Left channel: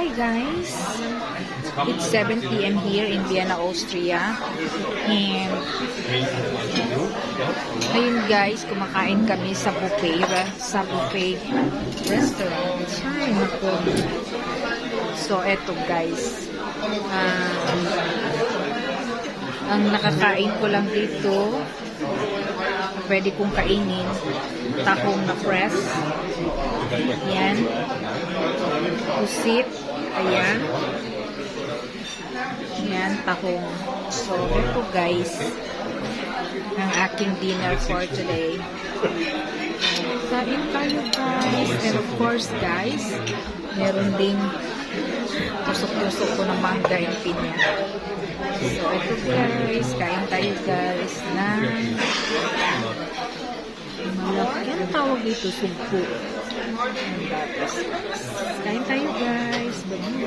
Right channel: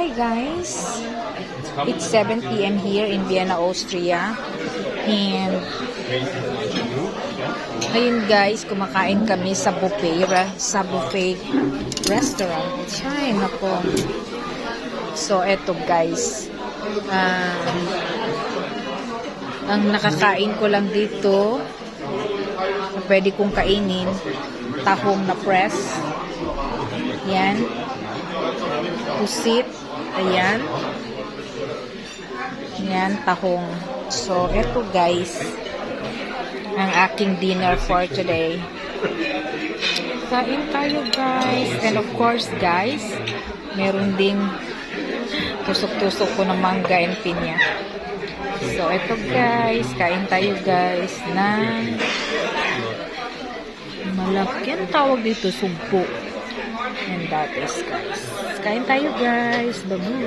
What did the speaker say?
Hi guys, it's 7 p.m. here in Vienna, Austria, and ayun guys, kumakain kami sa buffet restaurant. Ay nako. So eto guys, ang nakakain ko lang dito, pwede kong kainin, tahong na press. Yan. Pusit. Ayan. Yan, tahong. So, ito guys, ang aking dinner for today. Kain tayo guys. And of course guys, meron din tusok-tusok ko ng mangga and pinya. So, ito guys, kain tayo guys ng malaki ang tawag dito, sugpo. And that is guys. Kain tayo guys. Babu.